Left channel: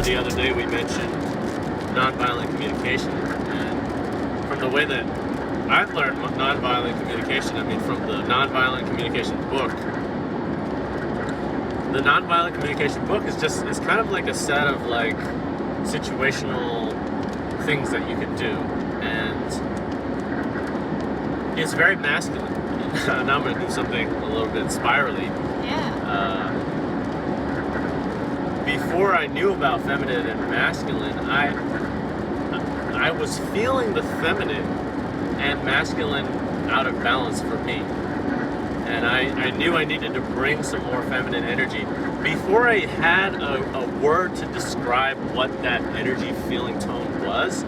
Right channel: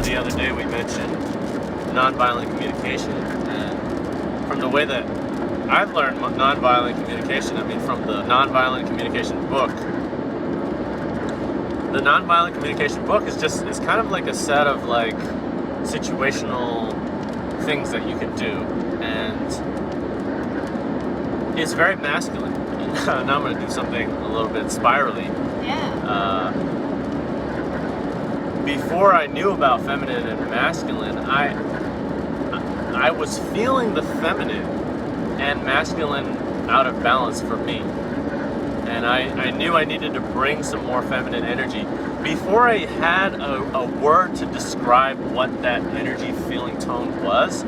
remember the other day we mentioned nonviolent communication, and from the way that I've learned nonviolent communication, I mean from the nonviolent communication book. The nonviolent communication book is kind of like a set of like situational things that you can do, and it's very masculine. And now I'm going to do something a little bit spirally. Yeah. Before I knew about feminine and masculine, I was feeling the feminine and masculine out of balance for me. And I knew I needed to bring some more feminine energy. Before I had a word to describe what that energy feeling tone was,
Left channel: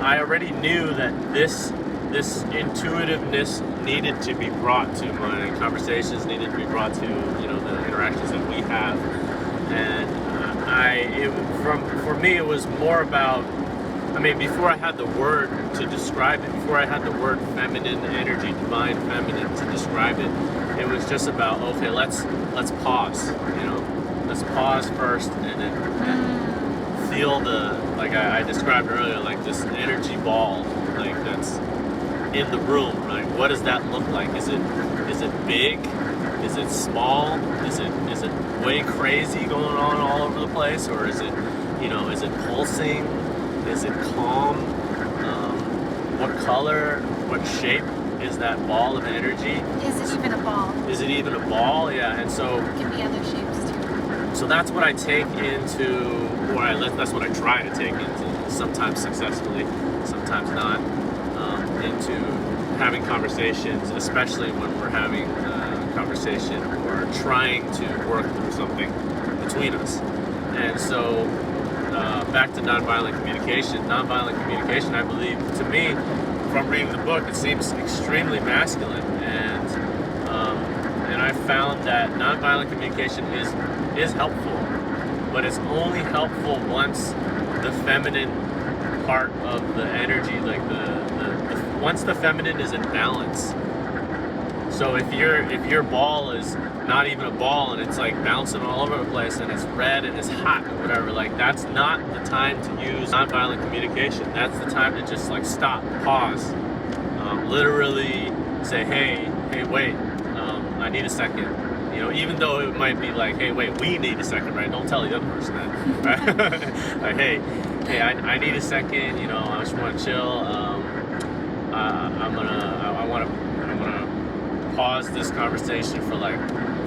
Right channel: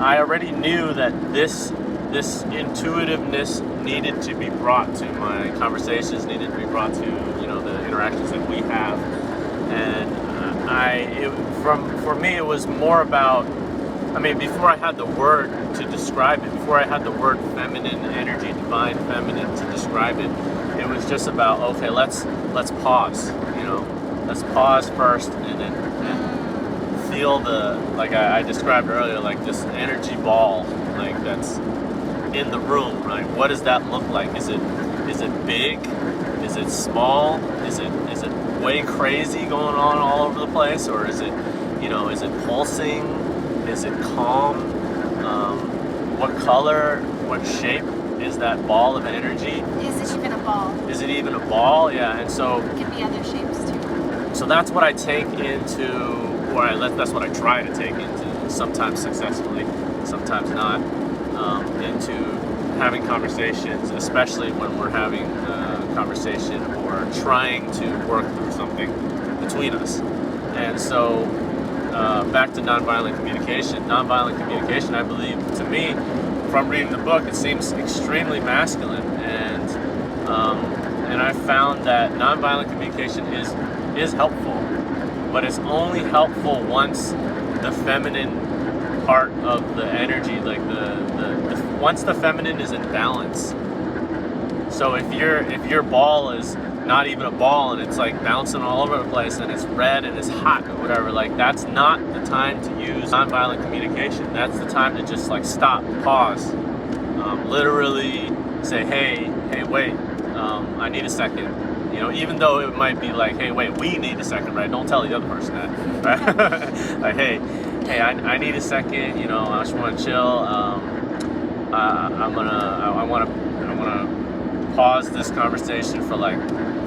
I already knew that this intuitiveness needed to be brought to my conversations, needed to be brought to the interactions that we have. And for me it was more about, before I had the word to describe it, before I had the word feminine energy, divine feminine to describe it, it was just about, okay, let's pause, let's pause first and feel like I described earlier, like this energy ball, like that's in the room. Like, what does that look like? Is it big? Is it small? Is it way crazy going on all over the place, or is it is it pulsing? Is it calm? What color? What shape is that ball of energy? Is it even a ball? Is it even a ball? Yeah, and so it can be other shapes too. So that's what I take into, that's what I try to take into, sometimes successfully, sometimes not, into having conversations, especially when we're having a conversation or trying to work through something between us. And so back to nonviolent communication. Nonviolent communication, I believe, to me, from reading the book, it seems extremely masculine, and I found that nonviolent communication is helpful, but it's only helpful once the feminine part of the energy, like once the feminine is in balance. So if your ball is not even a ball and it's like bouncing all over the place and it's red and it's hot or whatever, like that's not the time to use nonviolent communication. That's the time to just like stop, pause, literally say, hey, wait, I need a second. Even though it might be like, hey, wait, we need a second, right? Don't tell the other person that, right? Like, hey, I need a second. I just want to chill. I want to pause this conversation for like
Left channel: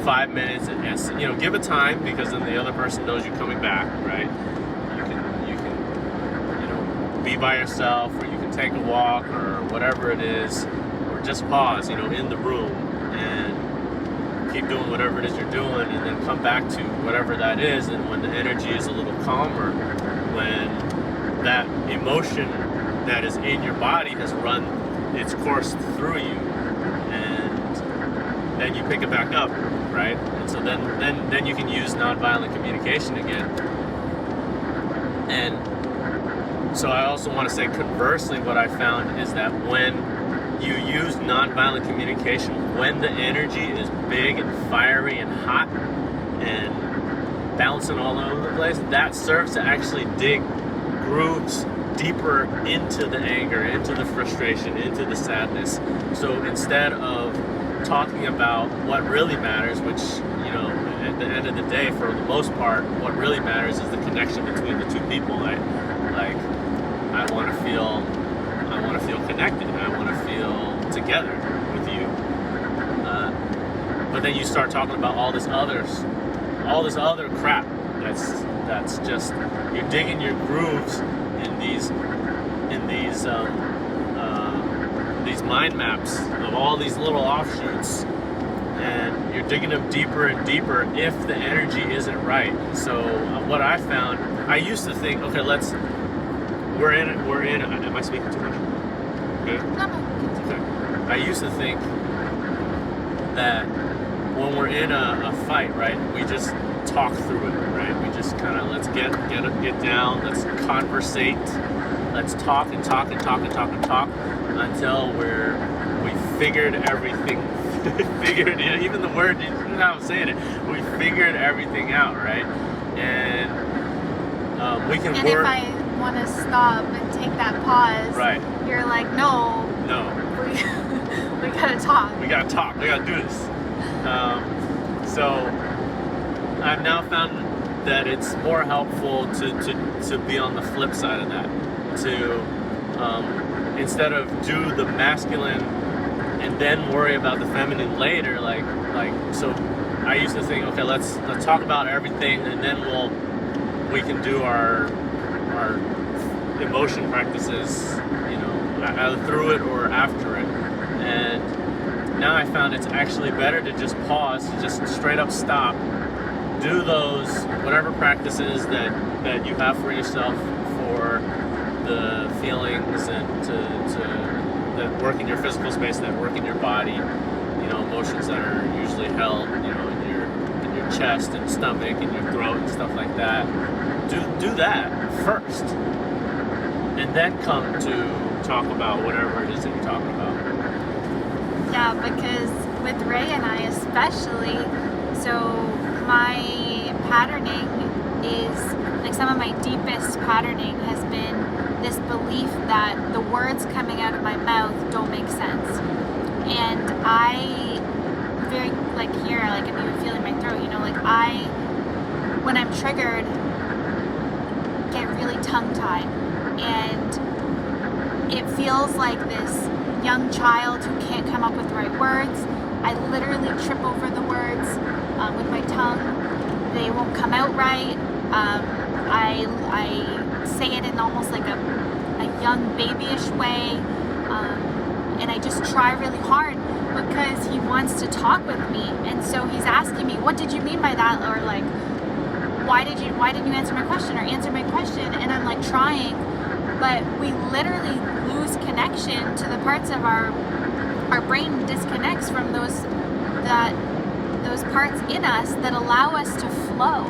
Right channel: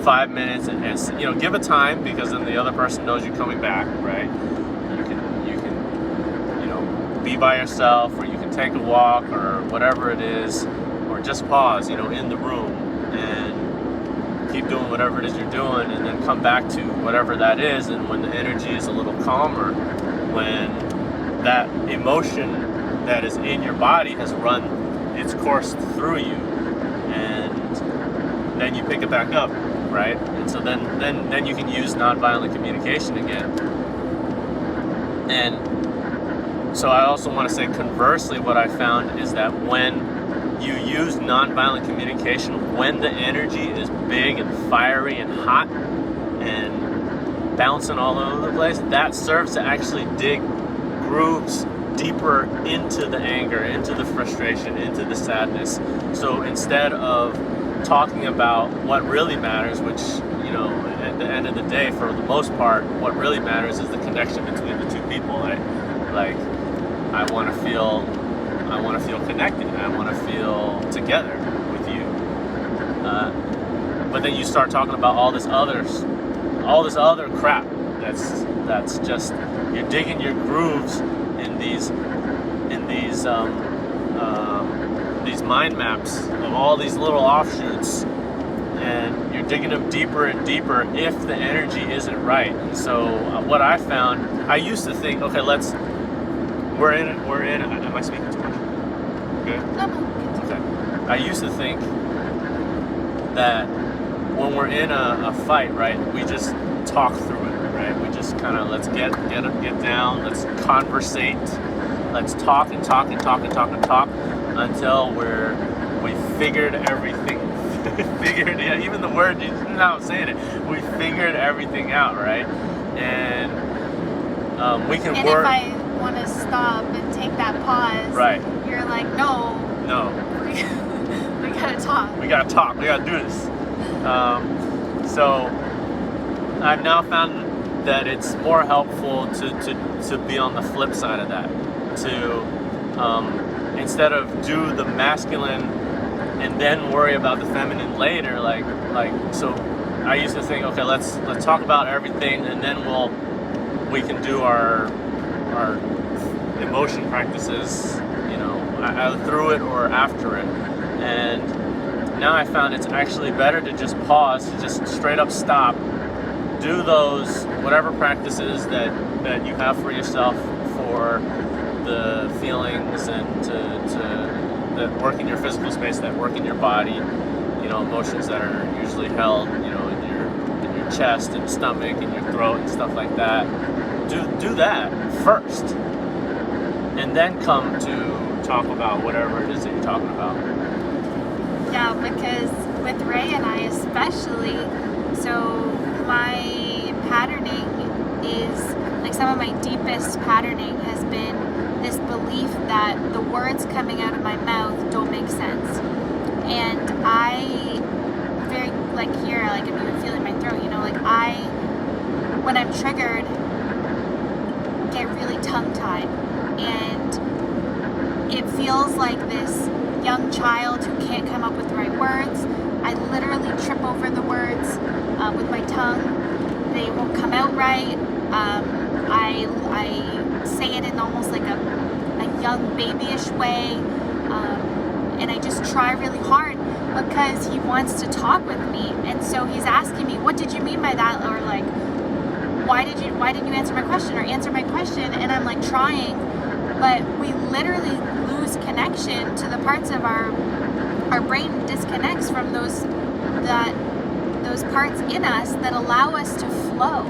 5 minutes and give a time, because then the other person knows you're coming back, right? You can be by yourself, or you can take a walk, or whatever it is, or just pause, in the room and keep doing whatever it is you're doing, and then come back to whatever that is. And when the energy is a little calmer, when that emotion that is in your body has run its course through you, and then you pick it back up, right? And so then you can use nonviolent communication again. And so I also want to say, conversely, what I found is that when you use nonviolent communication, when the energy is big and fiery and hot and bouncing all over the place, that serves to actually dig grooves deeper into the anger, into the frustration, into the sadness. So instead of talking about what really matters, which, at the end of the day, for the most part, what really matters is the connection between the two people. Like I want to feel connected. I want to feel together with you. But then you start talking about all this other crap. That's just, you're digging your grooves in these mind maps of all these little offshoots, and you're digging them deeper and deeper if the energy isn't right. And so what I found, I used to think, okay, we're in. Am I speaking too much? Good. Okay. I used to think that when we're in a fight, right, we just talk through it, right? We just kind of, let's get down, let's conversate, let's talk until we figured everything. Even the word, you know how I'm saying it, we figured everything out, right? And we can And work. if I want to stop and take that pause, Right. you're like, no, we gotta talk. We gotta talk. We gotta do this. So I've now found that it's more helpful to be on the flip side of that. To instead of do the masculine and then worry about the feminine later. So I used to think, okay, let's talk about everything, and then we can do our emotion practices, either through it or after it. And now I found it's actually better to just pause, to just straight up stop, do those whatever practices that you have for yourself for the feelings and that work in your physical space, that work in your body, emotions that are usually held, in your chest and stomach and your throat and stuff like that. Do that first, and then come to talk about whatever it is that you're talking about. Yeah, because with Ray and I especially, so my patterning is, like, some of my deepest patterning has been this belief that the words coming out of my mouth don't make sense. And I very, here, I'm even feeling my throat, when I'm triggered, get really tongue-tied. And it feels like this young child who can't come up with the right words. I literally trip over the words with my tongue. They won't come out right. I say it in almost like a young babyish way. And I just try really hard because he wants to talk with me. And so he's asking me, what did you mean by that? Or why didn't you answer my question, or answer my question? And I'm trying, but we literally lose connection to the parts of our brain disconnects from those parts in us that allow us to flow.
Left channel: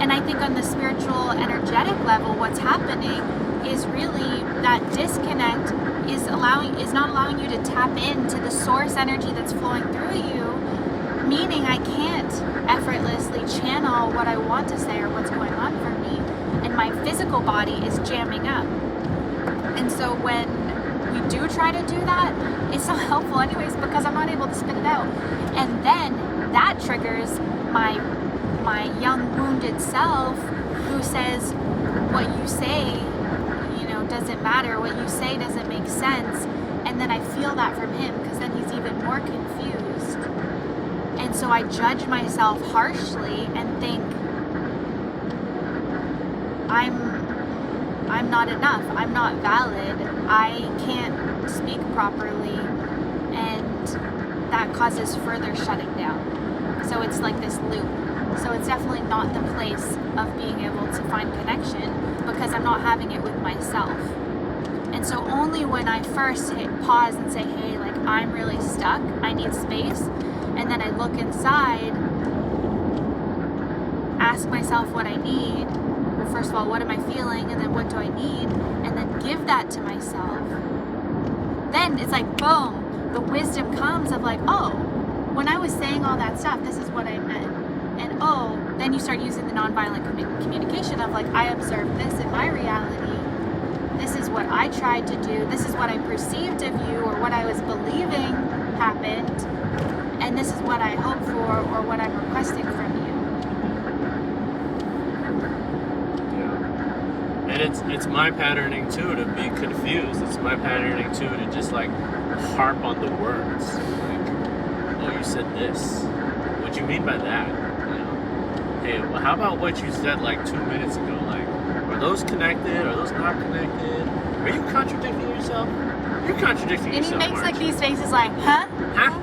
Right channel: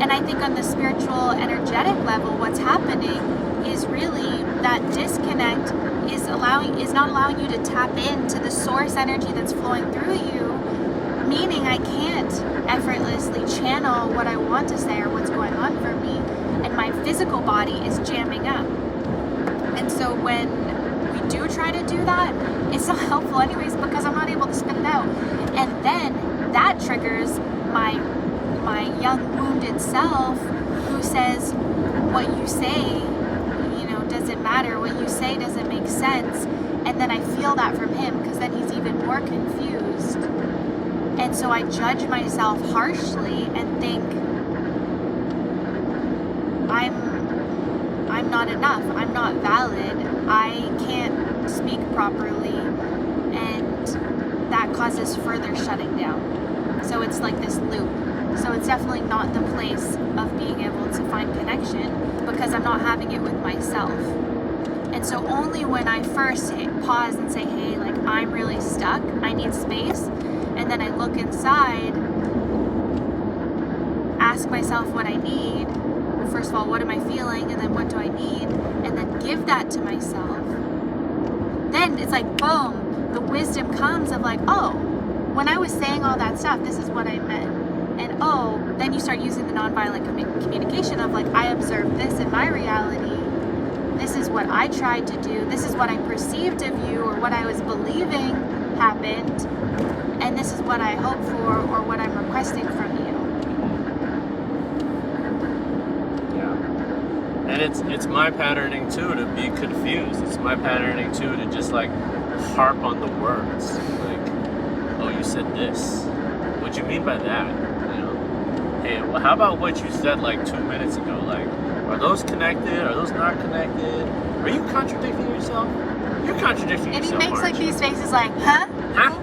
And I think on the spiritual, energetic level, what's happening is really that disconnect is not allowing you to tap into the source energy that's flowing through you, meaning I can't effortlessly channel what I want to say or what's going on for me, and my physical body is jamming up. And so when we do try to do that, it's not helpful anyways, because I'm not able to spit it out. And then that triggers my young wounded self, who says, what you say, doesn't matter, what you say doesn't make sense. And then I feel that from him, because then he's even more confused. And so I judge myself harshly and think I'm not enough, I'm not valid, I can't speak properly, and that causes further shutting down. So it's like this loop. So it's definitely not the place of being able to find connection, because I'm not having it with myself. And so only when I first pause and say, hey, I'm really stuck, I need space, and then I look inside, ask myself what I need. Well, first of all, what am I feeling? And then what do I need? And then give that to myself. Then it's boom, the wisdom comes of oh, when I was saying all that stuff, this is what I meant. And oh, then you start using the nonviolent communication of I observed this in my reality. This is what I tried to do. This is what I perceived of you, or what I was believing happened. And this is what I hope for, or what I'm requesting from you. Yeah. And it's my patterning too to be confused. It's my patterning too to just harp on the words. Oh, you said this. What you mean by that? Hey, well, how about what you said 2 minutes ago? Are those connected? Are those not connected? Are you contradicting yourself? You're contradicting yourself. And he makes these faces huh? Huh?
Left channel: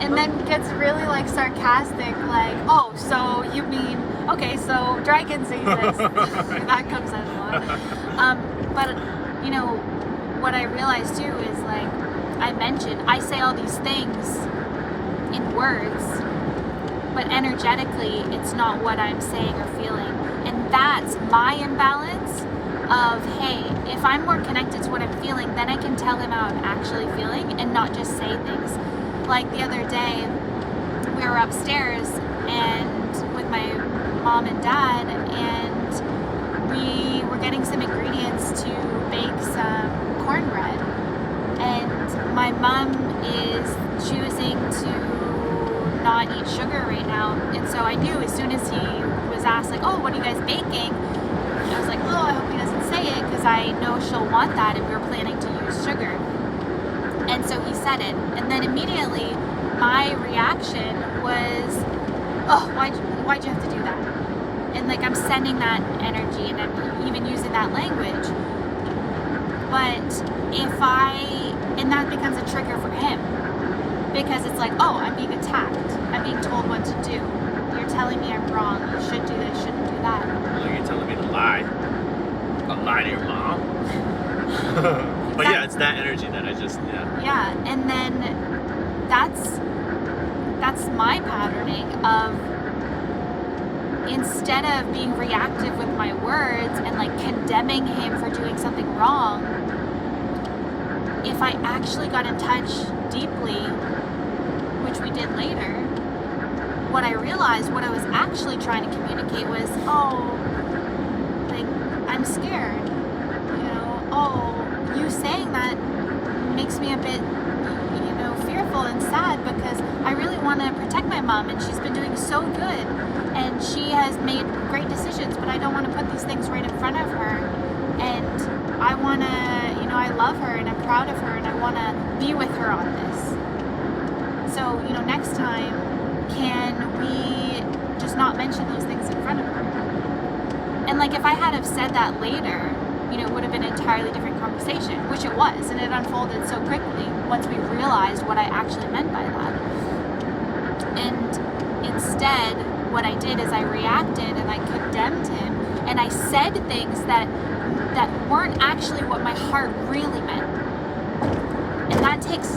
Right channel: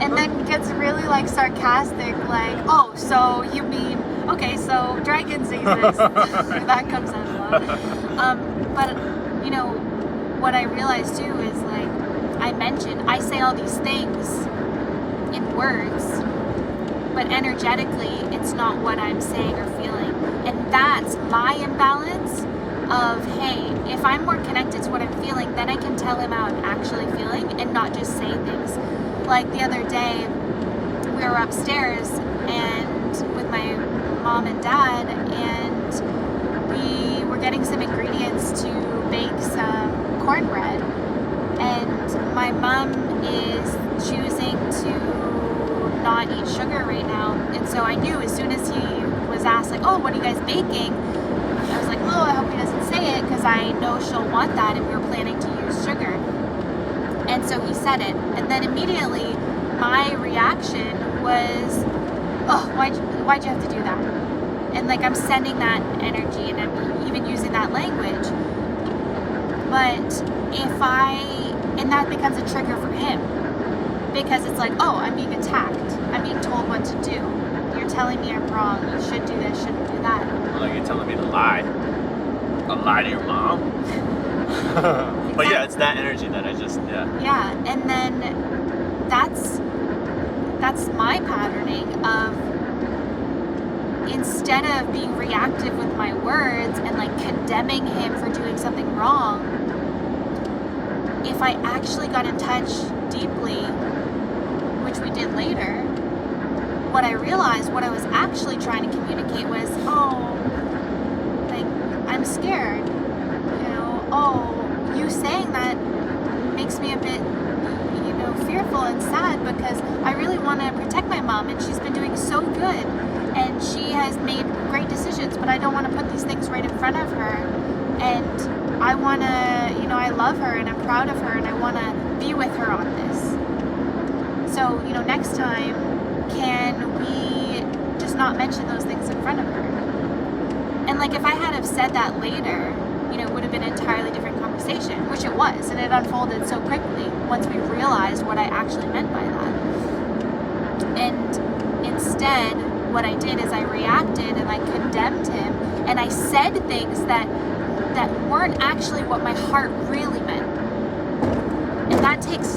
And then gets really sarcastic, oh, so you mean, okay, so dragons say this. That comes out a lot. But what I realized too is I mentioned, I say all these things in words, but energetically it's not what I'm saying or feeling. And that's my imbalance of, hey, if I'm more connected to what I'm feeling, then I can tell him how I'm actually feeling and not just say things. The other day, we were upstairs and with my mom and dad, getting some ingredients to make some cornbread, and my mom is choosing to not eat sugar right now. And so I knew as soon as he was asked, like, oh, what are you guys baking? I was like, oh, I hope he doesn't say it, because I know she'll want that, and we were planning to use sugar. And so he said it, and then immediately my reaction was, oh, why'd you have to do that? And like, I'm sending that energy, and I'm even using that language. But and that becomes a trigger for him, because it's like, oh, I'm being attacked. I'm being told what to do. You're telling me I'm wrong. You should do this, shouldn't do that. Like, you're telling me to lie. I'll lie to your mom. But yeah, it's that energy that I just, Yeah, and then that's my patterning of, instead of being reactive with my words and like condemning him for doing something wrong, if I actually got in touch deeply, which we did later, what I realized, what I was actually trying to communicate was, oh, like, I'm scared, you saying that makes me a bit, fearful and sad, because I really want to protect my mom, and she's been doing so good, and she has made great decisions, but I don't want to put these things right in front of her, and I want to, I love her, and I'm proud of her, and I want to be with her on this. So, next time, can we just not mention those things in front of her? And like, if I had have said that later, it would have been an entirely different conversation, which it was, and it unfolded so quickly once we realized what I actually meant by that. And instead, what I did is I reacted and I condemned him, and I said things that weren't actually what my heart really meant. And that takes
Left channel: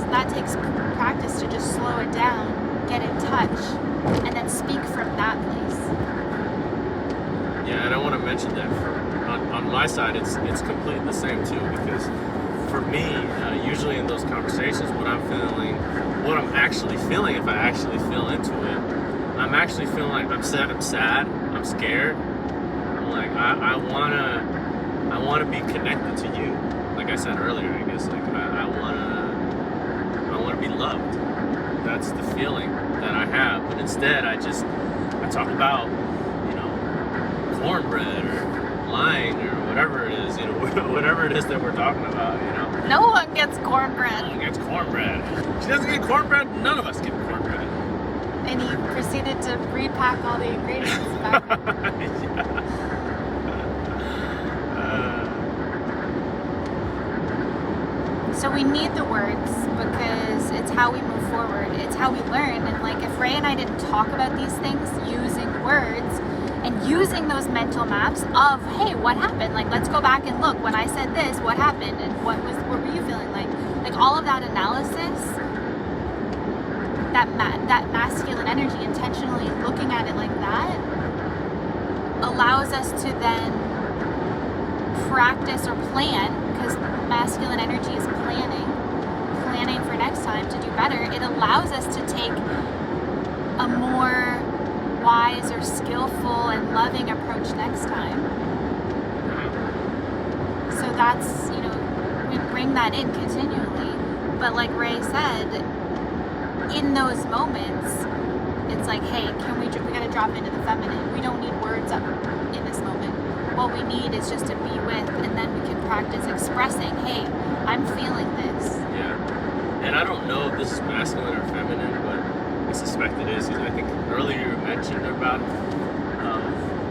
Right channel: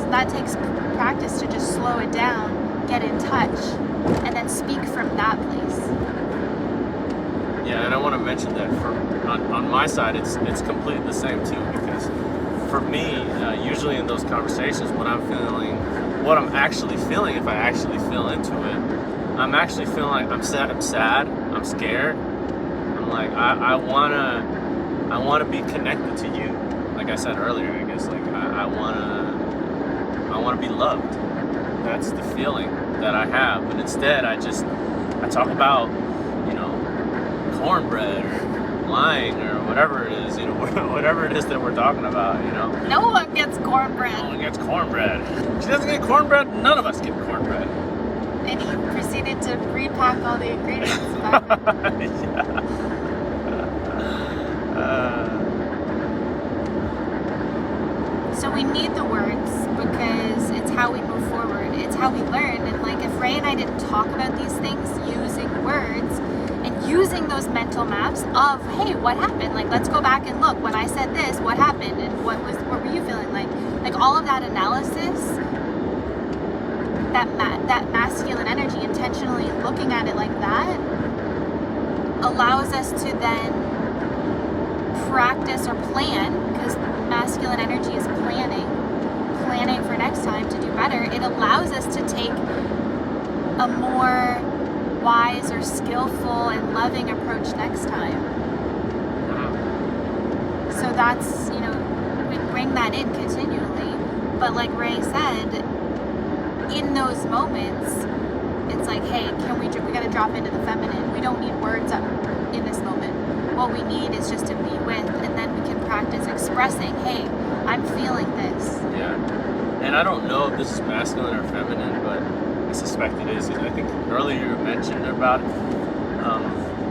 practice to just slow it down, get in touch, and then speak from that place. Yeah, and I want to mention that on my side, it's completely the same too, because for me, usually in those conversations, what I'm actually feeling, if I actually feel into it, I'm actually feeling like I'm sad, I'm scared. Like, I wanna be connected to you. Like I said earlier, I guess, like, I wanna be loved. That's the feeling that I have. But instead, I talk about, cornbread, or lying, or whatever it is, whatever it is that we're talking about, No one gets cornbread. No one gets cornbread. She doesn't get cornbread, none of us get cornbread. And he proceeded to repack all the ingredients back. So we need the words, because it's how we move forward. It's how we learn. And like, if Ray and I didn't talk about these things using words, and using those mental maps of, hey, what happened? Like, let's go back and look. When I said this, what happened? And what were you feeling like? Like, all of that analysis, that masculine energy, intentionally looking at it like that, allows us to then practice or plan, because masculine energy is planning for next time to do better. It allows us to take a more wise or skillful and loving approach next time. So that's, we bring that in continually. But like Ray said, in those moments, it's like, hey, we gotta drop into the feminine. We don't need words in this moment. What we need is just to be with, and then we can practice expressing, hey, I'm feeling this. Yeah. And I don't know if this is masculine or feminine, but I suspect it is. I think earlier you mentioned about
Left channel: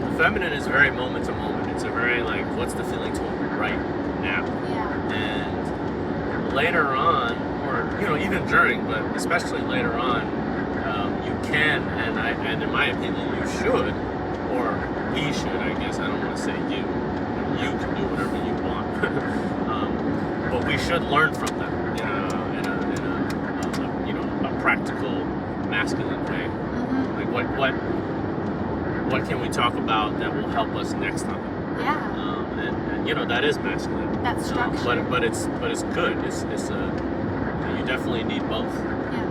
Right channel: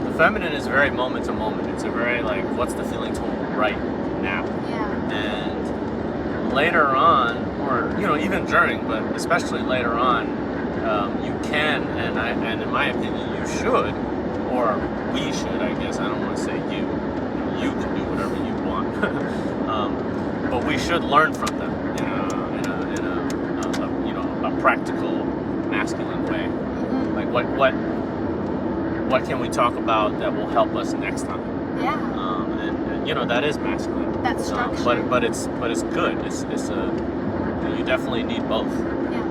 the feminine is very moment to moment. It's a very, like, what's the feeling to right now? Yeah. And later on, or even during, but especially later on, you can, and in my opinion, you should, or we should, I guess. I don't want to say you. You can do whatever you want, but we should learn from them in a practical masculine way. Mm-hmm. Like, what can we talk about that will help us next time? Yeah. And that is masculine. That's structure. But it's good. You definitely need both. Yeah.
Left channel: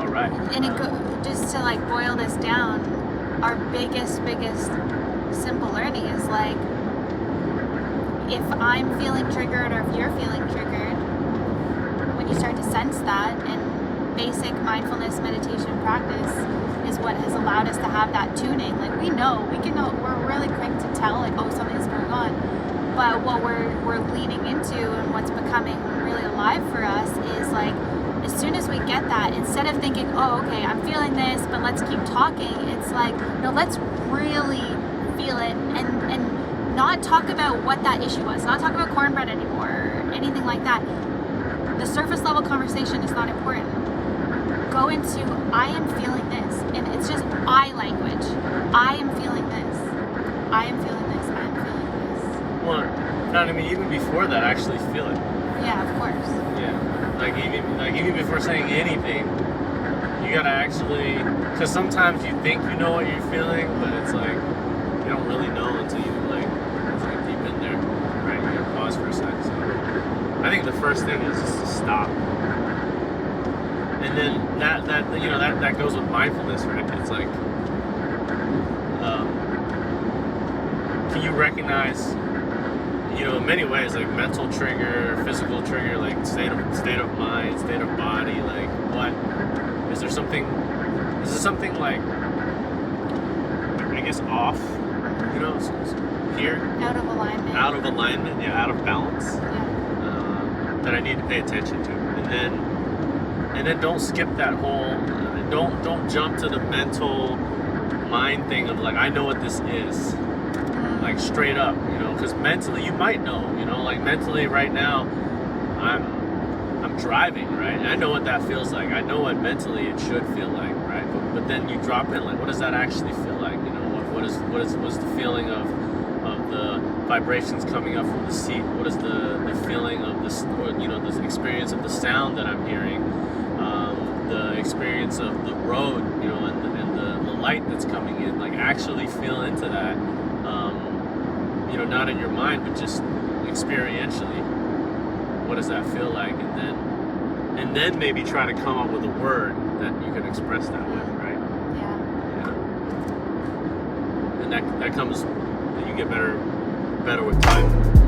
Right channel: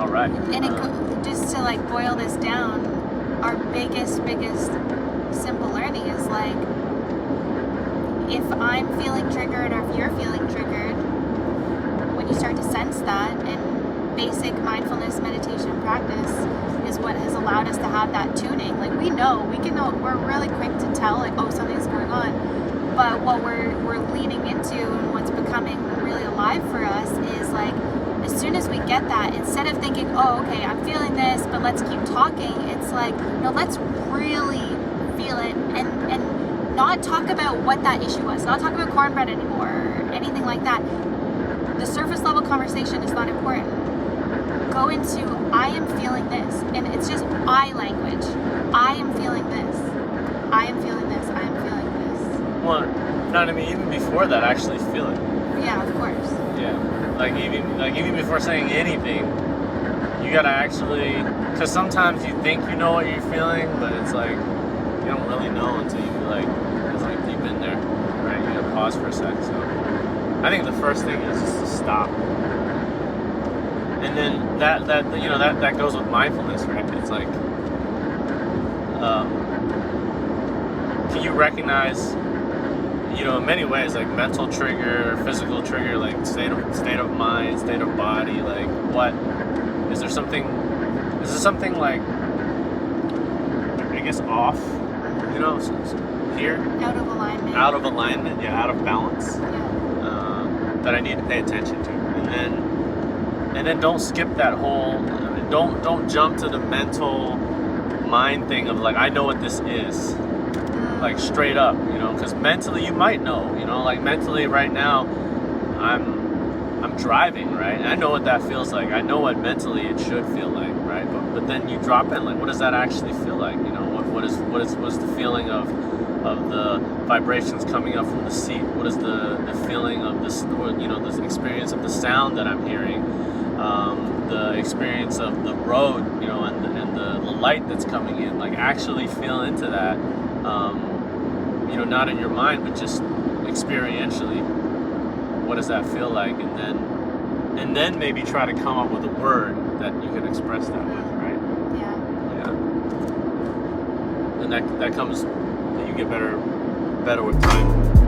All right. And just to like boil this down, our biggest simple learning is like, if I'm feeling triggered or if you're feeling triggered, when you start to sense that, and basic mindfulness meditation practice is what has allowed us to have that tuning. Like we're really quick to tell like, oh, something's going on. But what we're leaning into and what's becoming really alive for us is like, as soon as we get that, instead of thinking, oh, okay, I'm feeling this, but let's keep talking, it's like, no, let's really feel it and not talk about what that issue was, not talk about cornbread anymore or anything like that. The surface level conversation is not important. Go into, I am feeling this, and it's just I language. I am feeling this. I am feeling this. I am feeling this. Well, I mean, even before that, actually feel it. Yeah, of course. Yeah, like even before saying anything, you gotta actually, because sometimes you think you know what you're feeling, but it's like you don't really know until you it's like deep in there, right? You gotta pause for a sec. So I think the first thing is just to stop, and then that goes with mindfulness, right? It's like, can you recognize? In many ways, like mental trigger or physical trigger, like state of mind, state of body, like what is there something like, I guess, off, here, Out of alignment, yeah, out of balance, that I need to pay attention to, and then don't skip that whole, don't jump to the mental mind thing of like, I know what this is. Like straight up, because mentally you might know, like mentally right now I'm driving, right? And I know what that feels like. I know what mentally it should feel like, right? But then you drop it, like what does that actually feel like? What's the feeling of the vibrations coming up from the seat? What is the feeling of this, this experience of the sound that I'm hearing, the experience of the road, and the light that's coming in, like actually feel into that. Not in your mind, but just experientially. What does that feel like? And then maybe try to come up with a word that you can express that with, right? Yeah. And that comes, you get better with time.